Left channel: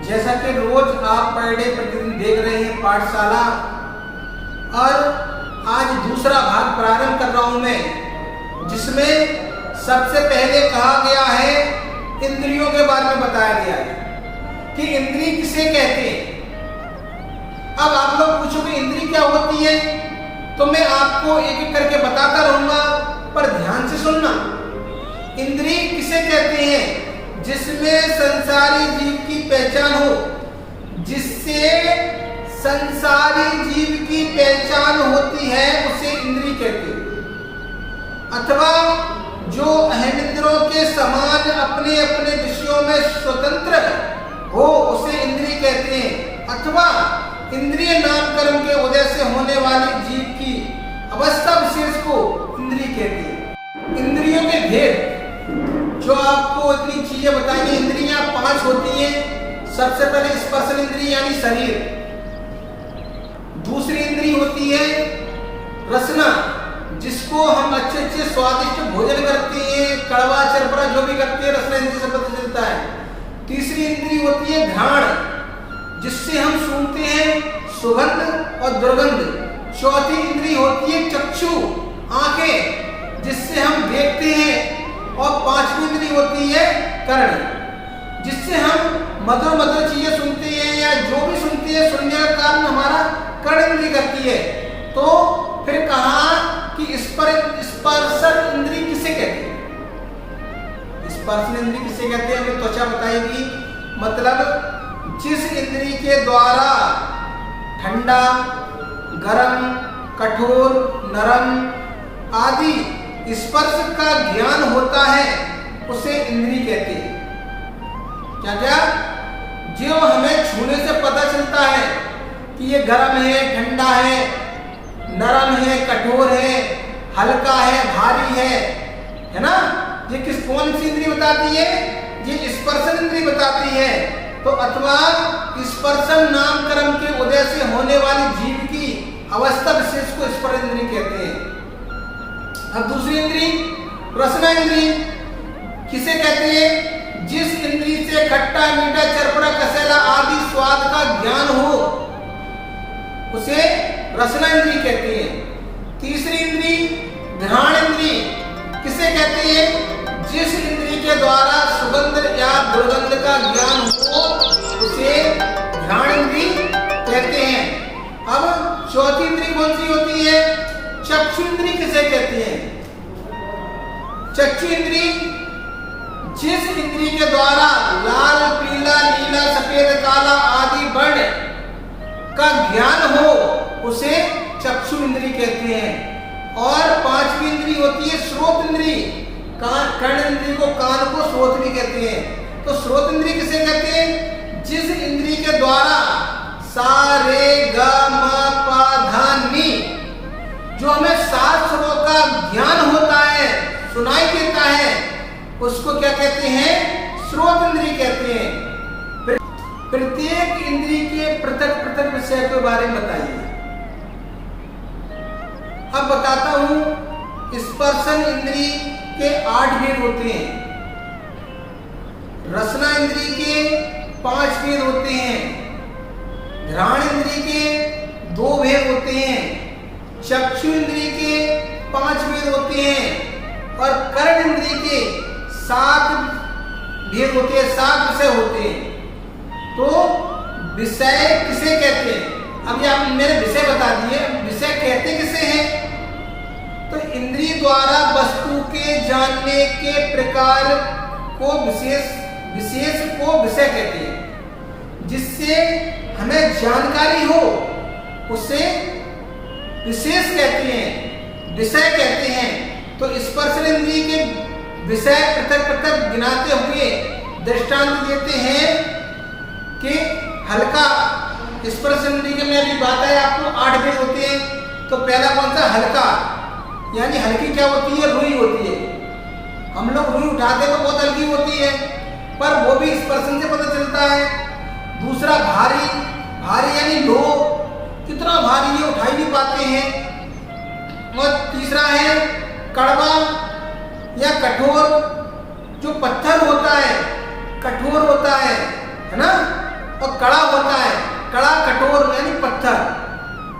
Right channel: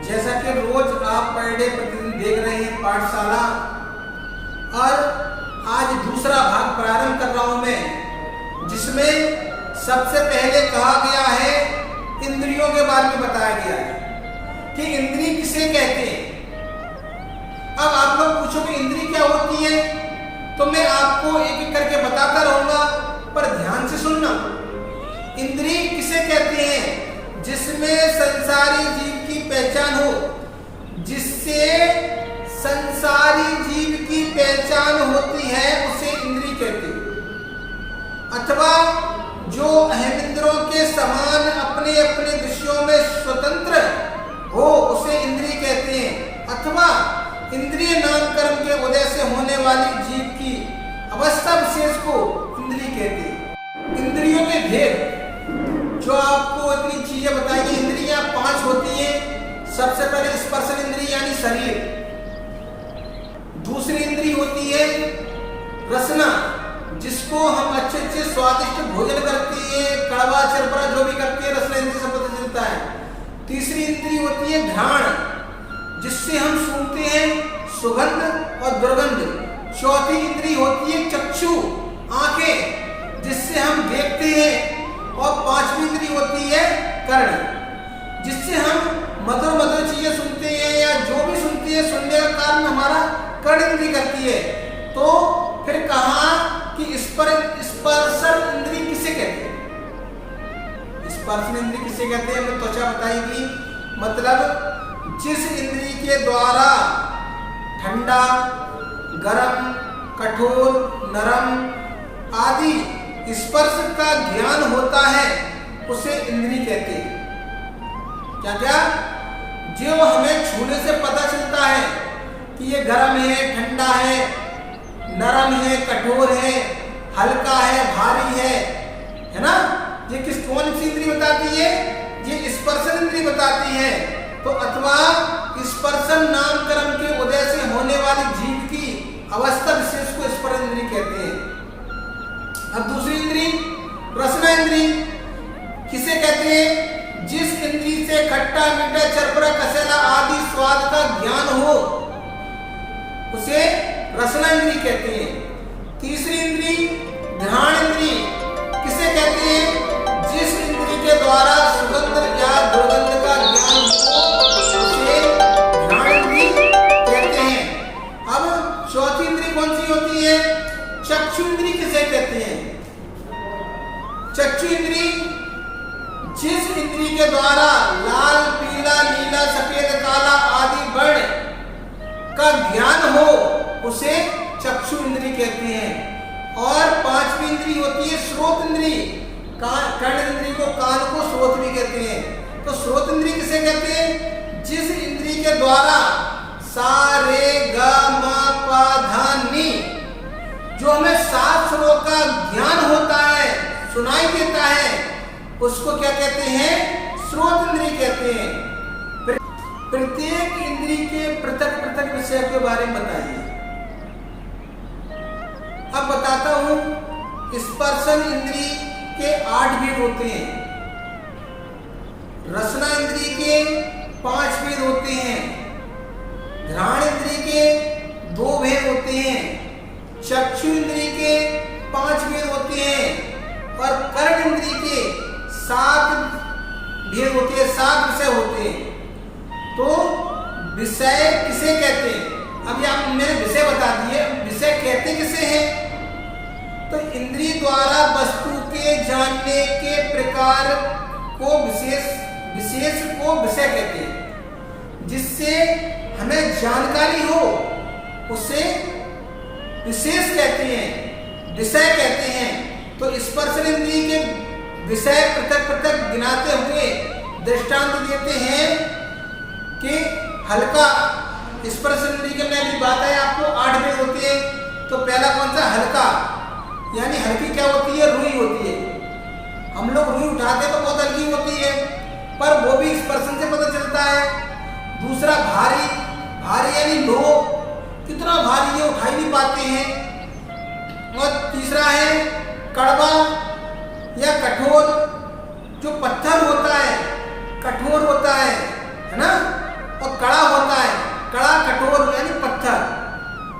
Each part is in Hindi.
जैसा कि रोज आप पर डे प्रतिदिन देख रहे हैं पाठशाला, और आज दूसरा भाग प्रारंभ कर रहा हूं मैं, जिसमें सबसे पहले कहा गया है, इंद्रियों के बारे में बताया गया है कि इंद्रिय किसे कहते हैं। अब आप लोग पूछोगे इंद्रिय क्या होती है, तो मैं आपको एक एक करके बताता रहूंगा, पर ध्यान से सुनना। इंद्रिय किसे कहते हैं? जिसमें संसारी जीव की पहचान हो, जिससे संसारी जीव की पहचान होती है, उसे इंद्रिय कहते हैं। अथवा जो अहमिंद्रों के समान अपने अपने विषयों में स्वतंत्र हो, उसे इंद्रिय कहते हैं। अथवा इंद्रिय नाम कर्म के उदय से होने वाली जीव की अवस्था विशेष को इंद्रिय कहते हैं। इंद्रियों के भेद जो आपको इतनी चीजें बताएंगे, इंद्रियां 5 होती हैं। सबसे पहले स्पर्शन इंद्रिय यानी शरीर, दूसरी इंद्रिय होती है रसना, जिसको हम अच्छे अच्छे स्वादिष्ट भोजन करते हैं, कड़वा चरपरा जो भी करते हैं, रसना इंद्रिय से पता चलता है। तीसरी इंद्रिय होती है घ्राण, जिससे हम सूंघते हैं सुगंध और दुर्गंध। चौथी इंद्रिय होती है चक्षु, आंखें, जिससे हम देखते हैं। और पांचवी इंद्रिय होती है कर्ण, जिससे हम मधुर मधुर चीजें सुनते हैं, या जो भी सुनते हैं, सुनने का कारण हमारा कर्ण इंद्रिय करती है। तो फिर कहा कि स्पर्शन इंद्रिय किसे कहते हैं? स्पर्शन इंद्रिय किसे कहते हैं? हमें त्वचा बताएगी। मतलब जिस इंद्रिय के द्वारा ठंडा, गरम, कठोर, नरम आदि स्पर्श का ज्ञान होता है, उसे इंद्रिय कहते हैं। क्या क्या? जो हमें छूने से पता चलता है कि ये गरम है, ठंडा है, नरम है, कठोर है, हल्का है, भारी है ना? ये कौन सी इंद्रिय बताती है? ये स्पर्शन इंद्रिय बताती है। तो अथवा स्पर्शन नाम कर्म के उदय से होने वाली जीव की अवस्था विशेष को स्पर्श इंद्रिय कहते हैं। अब दूसरी इंद्रिय रसना इंद्रिय किसे कहते हैं? जिस इंद्रिय से खट्टा, मीठा, चरपरा, कसेला आदि स्वाद का ज्ञान हो, उसे रसना इंद्रिय कहते हैं। तीसरी इंद्रिय घ्राण इंद्रिय किसे कहते हैं? जिस इंद्रिय के द्वारा सुगंध या दुर्गंध का ज्ञान हो, उसे घ्राण इंद्रिय कहते हैं। अब चौथी इंद्रिय कौन सी होती है? चक्षु इंद्रिय किसे कहते हैं? चक्षु इंद्रिय जिस इंद्रिय के द्वारा लाल, पीला, नीला, सफेद, काला आदि वर्ण का ज्ञान हो, उसे चक्षु इंद्रिय कहते हैं। और पांचवी इंद्रिय होती है श्रोत इंद्रिय। कर्ण इंद्रिय को, कान को श्रोत भी कहते हैं। तो श्रोत इंद्रिय किसे कहते हैं? जिस इंद्रिय के द्वारा सा रे ग म प ध नि, जो हमें शास्त्रों का ज्ञान होता है, सुनाई देता है, उसको क्या कहते हैं? श्रोत इंद्रिय कहते हैं। प्रत्येक इंद्रिय के पृथक पृथक विषय के बारे में बताइए। अब बताता हूं, स्पर्शन इंद्रिय के 8 भेद होते हैं, रसना इंद्रिय के 5 भेद होते हैं, घ्राण इंद्रिय के 2 भेद होते हैं, चक्षु इंद्रिय के 5 भेद होते हैं, और कर्ण इंद्रिय के 7 भेद होते हैं, 7 विषय होते हैं। तो विषय किसे कहते हैं? अभी आप मेरे विषय बता दिए, विषय कहते किसे हैं? तो इंद्रिय द्वारा वस्तु के जानने के प्रकार को विशेष को विषय कहते हैं। जिससे हमें जानकारी हो, उसे विशेष कहते हैं, विषय कहते हैं। तो स्पर्शन इंद्रिय के विषय पृथक पृथक गिनाते हुए दृष्टांत देते हैं कि हल्का, स्पर्शन इंद्रिय के में अभी बात है आपको 8 भेद होते हैं। तो पहला कौन सा? हल्का, यानी हल्की क्या होती है? रुई होती है। हम लोग रुई उठाते हैं तो बहुत हल्की होती है, पर वो भी स्पर्शन से पता चलता है। दूसरा भारी, भारी यानी लो, कितना भारी है, उठा ही नहीं पाते हैं। और तीसरा है कड़वा या कठोर, जो पत्थर होता है, कठोर होता है ना? कठोर यानी पत्थर,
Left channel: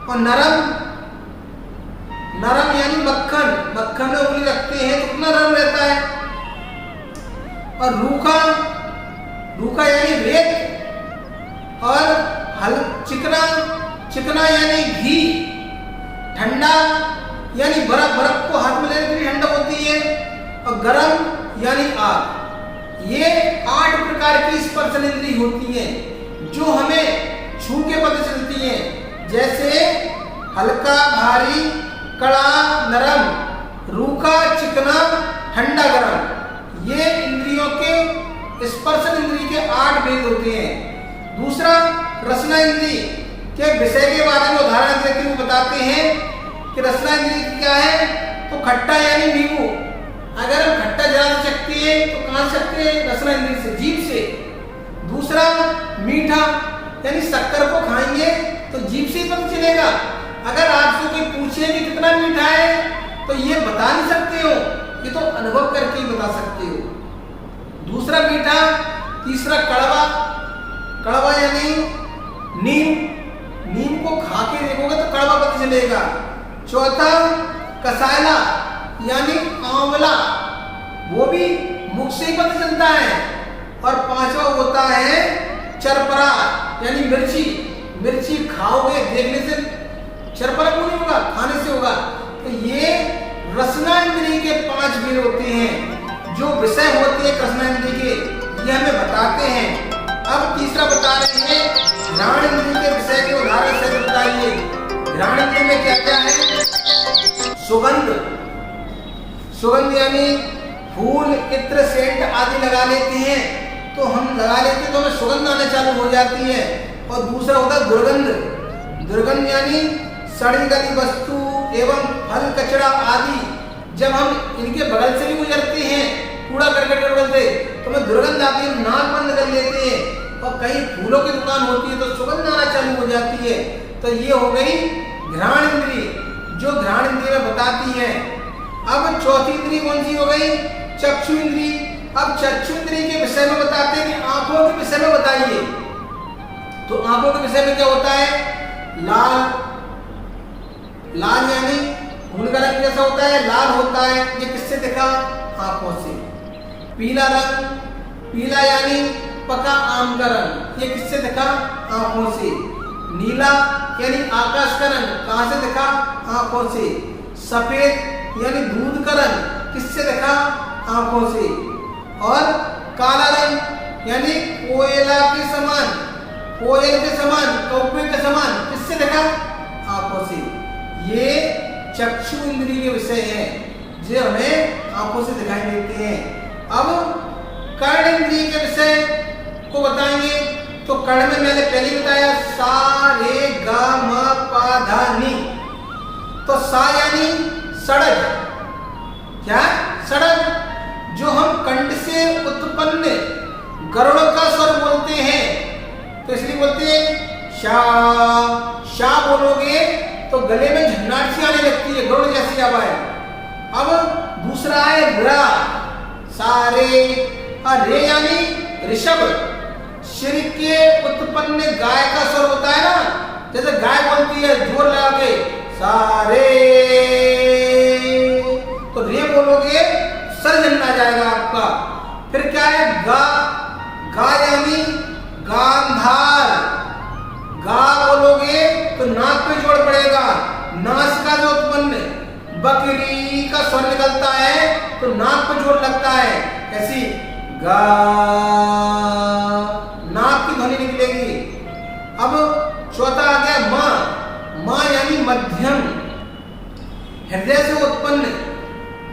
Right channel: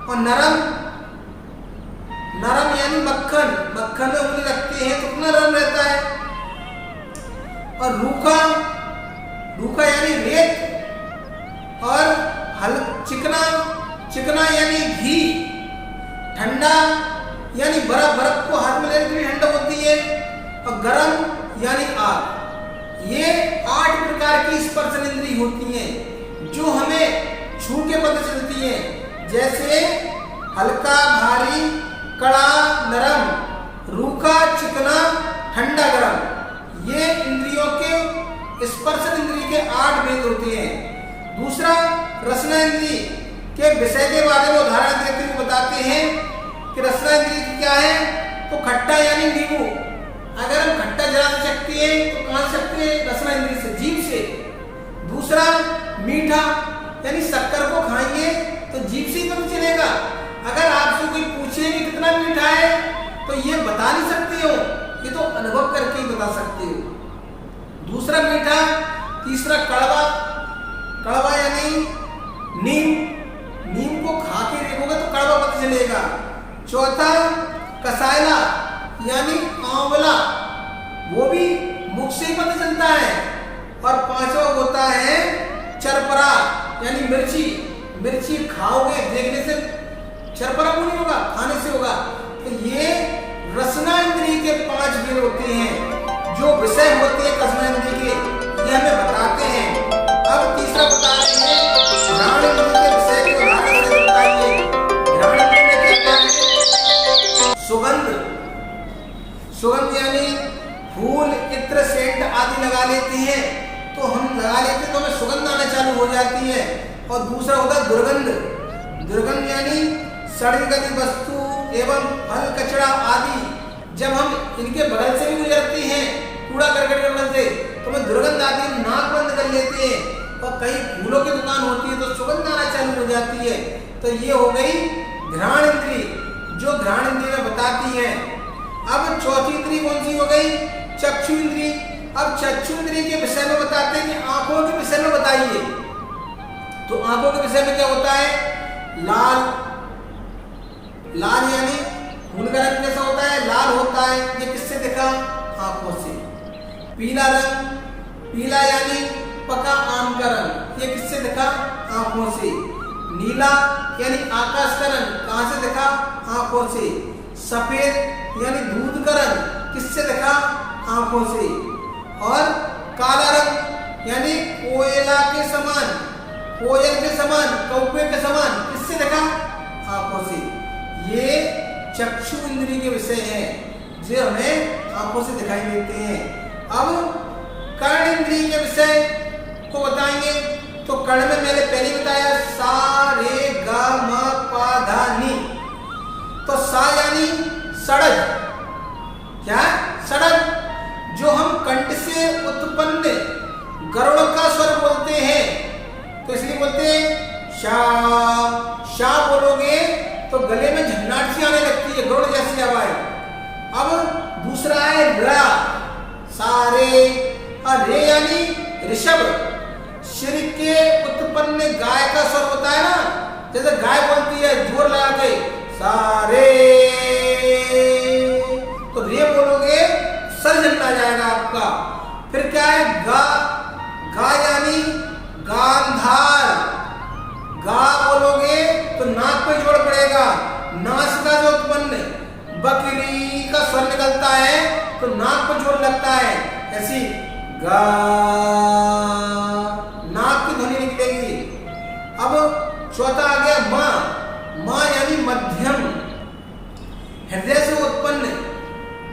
और नरम नरम यानी मक्खन, मक्खन में उंगली रखते हैं तो कितना नरम रहता है। और रूखा, रूखा यानी रेत, और चिकना, चिकना यानी घी, ठंडा यानी बर्फ, बर्फ को हाथ में लेने के लिए ठंडा होती है, और गरम यानी आग। ये 8 प्रकार की स्पर्शन इंद्री होती हैं जो हमें छू के पता चलती हैं, जैसे हल्का भारी, कड़ा नरम, रूखा चिकना, ठंडा गरम। ये इंद्रियों के स्पर्शन इंद्री के 8 भेद होते हैं। दूसरा, रसना इंद्री के विषय के बारे में उदाहरण देते हुए बताते हैं कि रसना इंद्री क्या है, तो खट्टा यानी नींबू। अगर हम खट्टा जला सकते हैं तो कहाँ से सकते हैं? रसना इंद्री से, जीभ से। दूसरा, मीठा यानी शक्कर को खाएंगे तो जीभ से ही पता चलेगा। अगर आपसे कोई पूछे कि कितना मीठा है तो ये बता नहीं सकते हो, ये तो अनुभव करके ही बता सकते हो। दूसरा मीठा। तीसरा कड़वा, कड़वा यानी नीम, नीम को खा के देखोगे तो कड़वा पता चलेगा। चौथा, कसायला यानी आंवला, वो भी मुख से ही पता चलता है। और पांचवा होता है चरपरा यानी मिर्ची, मिर्ची खाओगे देखने से चरपरा क्यों नहीं होगा? खाने से होगा। तो ये रसना इंद्री के 5 भेद होते हैं जो विषय होते हैं रसना इंद्री के, ये हमें बताते हैं। अब तीसरा बता रहे हैं घ्राण इंद्री के विषय के उदाहरण से बताइए। घ्राण इंद्री में क्या क्या है? सुगंध, सुगंध यानी फूल, इत्र, सेंट आदि लगा लेते हैं तो हम लगा लेते हैं तो हमें सुगंध आना चालू हो जाती है। और दूसरा होता है दुर्गंध, दुर्गंध यानी सड़ी गली वस्तु एवं फल कचरा आदि जब हम इनके बगल से भी गुजरते हैं, कूड़ा करकट के बगल से, तो हमें दुर्गंध आती है, नाक बंद कर लेते हैं। और कहीं फूलों की दुकान होती है तो सुगंध आना चालू हो जाती है। तो ये हो गई घ्राण इंद्री जो घ्राण इंद्री में बताती है। अब चौथी इंद्री कौन सी हो गई? चक्षु इंद्री। अब चक्षु इंद्री के विषय में बताते हैं कि आंखों के विषय में बताइए। तो आंखों के विषय में क्या होता है? लाल, लाल यानी खून का रंग कैसा होता है? लाल होता है। ये किससे दिखा? आंखों से। पीला रंग, पीला यानी पका आम का रंग, ये किससे दिखा? आंखों से। नीला यानी आकाश का रंग, कहां से दिखा? आंखों से। सफेद यानी दूध का रंग, किससे दिखा? आंखों से। और काला रंग यानी कोयला के समान, कोयल के समान, कौवे के समान, किससे दिखा? आंखों से। ये चक्षु इंद्री के विषय हैं जो हमें आंखों से दिखाई देते हैं। अब कर्ण इंद्री के विषय को बताएंगे। तो कर्ण में मैंने पहले बताया सा रे गा मा पा धा नी। तो सा यानी सड़क, क्या? सड़क, जो हम कंठ से उत्पन्न गरुड़ का स्वर बोलते हैं तो इसलिए बोलते हैं शा। शा बोलोगे तो गले में झन्नाट सी आने लगती है, गरुड़ जैसी आवाज। अब दूसरा है रा, सारे। और रे यानी ऋषभ, सिर के उत्पन्न गाय का स्वर होता है ना, जैसे गाय बोलती है जोर लगा के सारे, तो रे बोलोगे सर झन्ना जाएगा आपका। फिर क्या है? गा, गा यानी गांधार, गा बोलोगे तो नाक पे जोड़ पड़ेगा, नासिका से उत्पन्न बकरी का स्वर निकलता है तो नाक पे जोड़ लगता है, ऐसी गा, नाक की ध्वनि निकलेगी। अब चौथा आ गया माँ, माँ यानी मध्यम, हृदय से उत्पन्न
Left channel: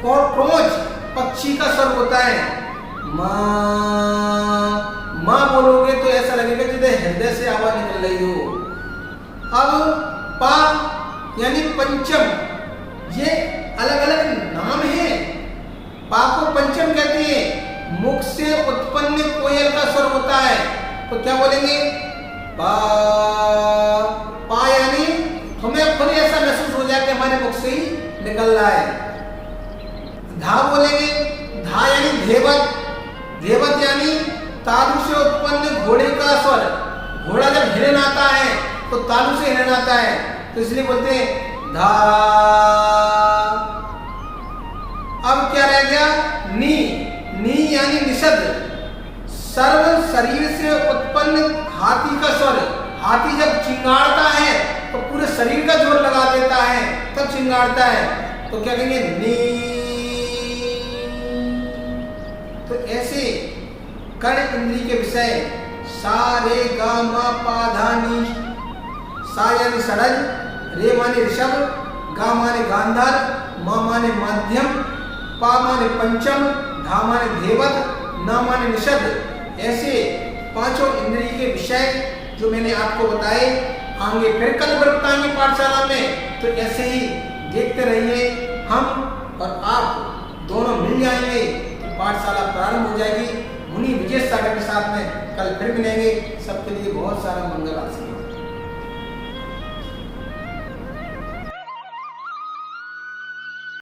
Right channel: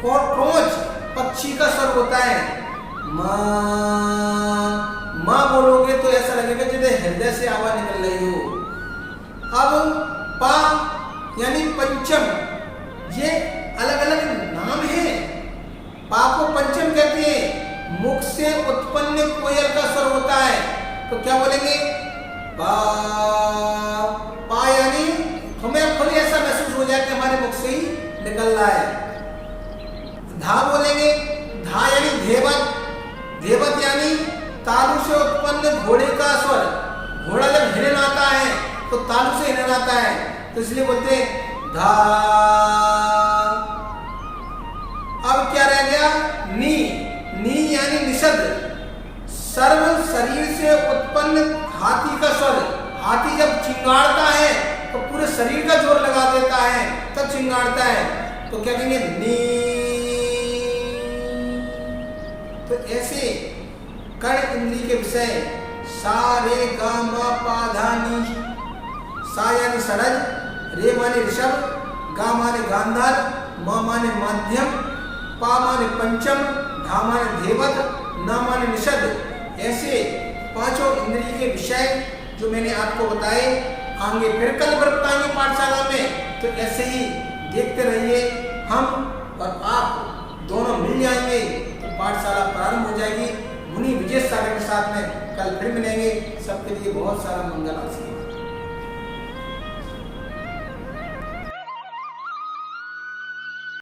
क्रोच पक्षी का स्वर होता है। माँ, माँ बोलोगे तो ऐसा लगेगा जैसे हृदय से आवाज निकल रही हो। अब पा यानी पंचम, ये अलग अलग नाम है। पा को पंचम कहते हैं। मुख से उत्पन्न कोयल का स्वर होता है तो क्या बोलेंगे? पा। पा यानी हमें खुद ऐसा महसूस हो जाए कि हमारे मुख से ही निकल रहा है। धा बोलेंगे, धा यानी धेवत, धेवत यानी तालु से उत्पन्न घोड़े का स्वर। घोड़ा जब हिरन आता है तो तो तालु से हिनन आता है, तो इसलिए बोलते हैं धा। अब क्या रह गया? नी। नी यानी निषद। सर्व शरीर से उत्पन्न हाथी का स्वर। हाथी जब चिंगाड़ता है तो पूरे शरीर का जोर लगा देता है, तब चिंगाड़ता है, तो क्या कहेंगे? नी। तो ऐसे कर्ण इंद्रिय के विषय सा रे गा मा पा धा नी। सा यानी षडज, रे माने ऋषभ, गा माने गांधार, मा माने माध्यम, पा माने पंचम, धा माने धेवत, ना माने निषद। ऐसे पांचों इंद्रिय के विषय जो मैंने आपको बताए, आगे फिर कल बताएंगे पाठशाला में। तो ऐसे ही देखते रहिए, हम और आप दोनों मिल जाएंगे तो पाठशाला प्रारंभ हो जाएगी। मुनि विजय सागर के साथ में कल फिर मिलेंगे। सबके लिए बहुत सारा मंगल आशीर्वाद।